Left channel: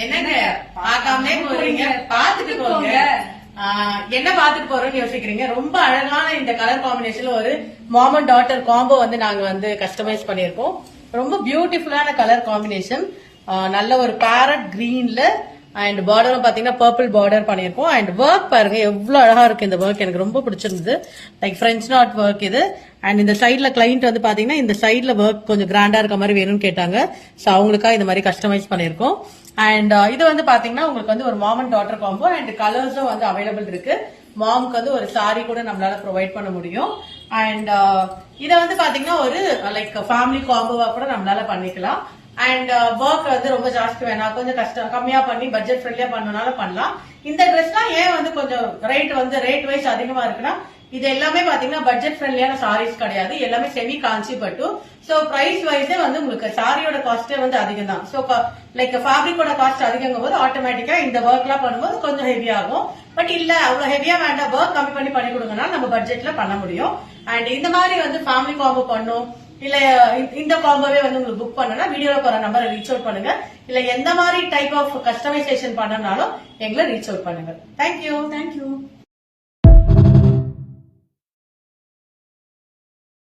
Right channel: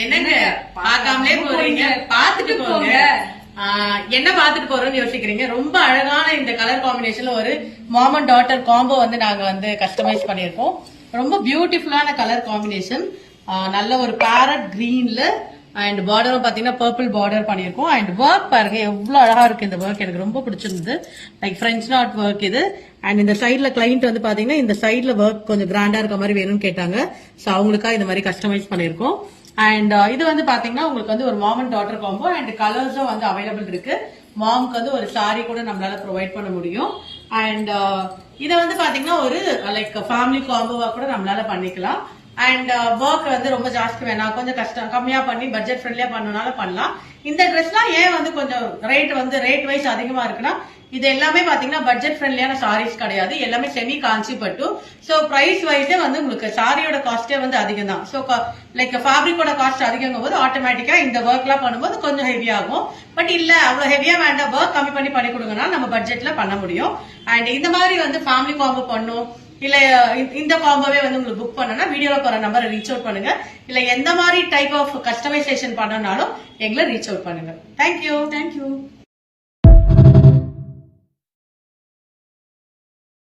என்னங்க பார்க்காமலே போறீங்க, பாத்துட்டு போங்க. என்ன பாத்துட்டு போறோம்னு யோசிக்கிறீங்க. ரொம்ப அழகான இந்த கலர் காம்பினேஷன்ல ஒரு மாம் அண்ட் டாட்டர் காம்போ வந்து நாங்க வந்து கஸ்டமைஸ் பண்ணிருக்கோம். ரொம்ப பியூட்டிஃபுல்லான கலர் காம்பினேஷன். நல்ல ஒரு பேரட் கிரீன்ல அண்ட் பார்டரும் பாத்தீங்கன்னா பர்பிள் பார்டர் பண்ணிருக்கோம். அண்ட் ஒர்க் பாருங்க எவ்வளவு அழகா இருக்கு இந்த ஒர்க். எனக்கு ரொம்ப பிடிச்சிருந்தது. லைக் பிரெஞ்ச் நாட் ஒர்க் இது. அண்ட் இந்த சைட்ல கிளைண்ட் வந்து பாத்தீங்கன்னா இந்த சைட்ல ஒர்க் கொஞ்சம் கிராண்டா இருக்க மாதிரி வேணும்னு கேட்டாங்க. சோ அவங்களுக்கா இந்த மாதிரி கஸ்டமைஸ் பண்ணிருக்கோம். அண்ட் இது வந்து பாத்தீங்கன்னா உங்களுக்கு வந்து ஒரு mom and daughter combo and கலர்ஸும் வந்து அவைலபிள் இருக்கு. மாம்க்கு வந்து ஒரு சாரி கூட நம்மளால ப்ரொவைட் பண்ண முடியும். அண்ட் இதை வந்து பாத்தீங்கன்னா ஒரு லைக் ஃபேமிலி காம்போவா கூட நம்மளால பண்ணிக்கலாம். அண்ட் ஒர்க் வந்து ரொம்ப ஜாஸ்தி வேணாம், கொஞ்சம் கஷ்டம் கம்மியா பண்ணி பட்ஜெட் ஃப்ரெண்ட்லியா பண்ணனால பண்ணலாம். இந்த ட்ரெஸ்லாம் ஏன் வந்து கொஞ்சம் ரேட் வைஸ் அதிகமா இருக்குன்னா, இது எல்லாமே பாத்தீங்கன்னா பட்ஜெட் ஃப்ரெண்ட்லியான சாரீஸ் கிடையாது. எல்லாமே செமி காஞ்சி பட்டு. சோ பிரைஸ் வைஸே வந்து உங்களுக்கு சாரியோட காஸ்டே வந்து அதிகம் தான். சோ லைக் ஃபேப்ரிக்கோட காஸ்ட் அதிகங்கும் போது ஆட்டோமேட்டிக்கா இந்த ஒர்க் எல்லாம் பண்ணும்போது கொஞ்சம் ஹெவி ஆகும். பட் இல்ல அவ்வளவு ஹெவியா வேண்டாம், ஒர்க் கம்மி பண்ணி கொடுங்கன்னா நம்ம பட்ஜெட்ல பண்ண முடியும். அண்ட் இந்த மாதிரி வந்து ஃபேமிலி காம்போ பண்ணும் இல்ல இந்த காம்போவே வந்து உங்களுக்கு புக் பண்ணனா வீடியோல போற நம்பரை ரீச் அவுட் பண்ணுங்க. இல்ல எந்த மாதிரி டைப் ஆஃப் கஸ்டமைசேஷன் பண்ணனாலும் எங்களை ரீச் அவுட் பண்ணுங்க. தேங்க்யூ.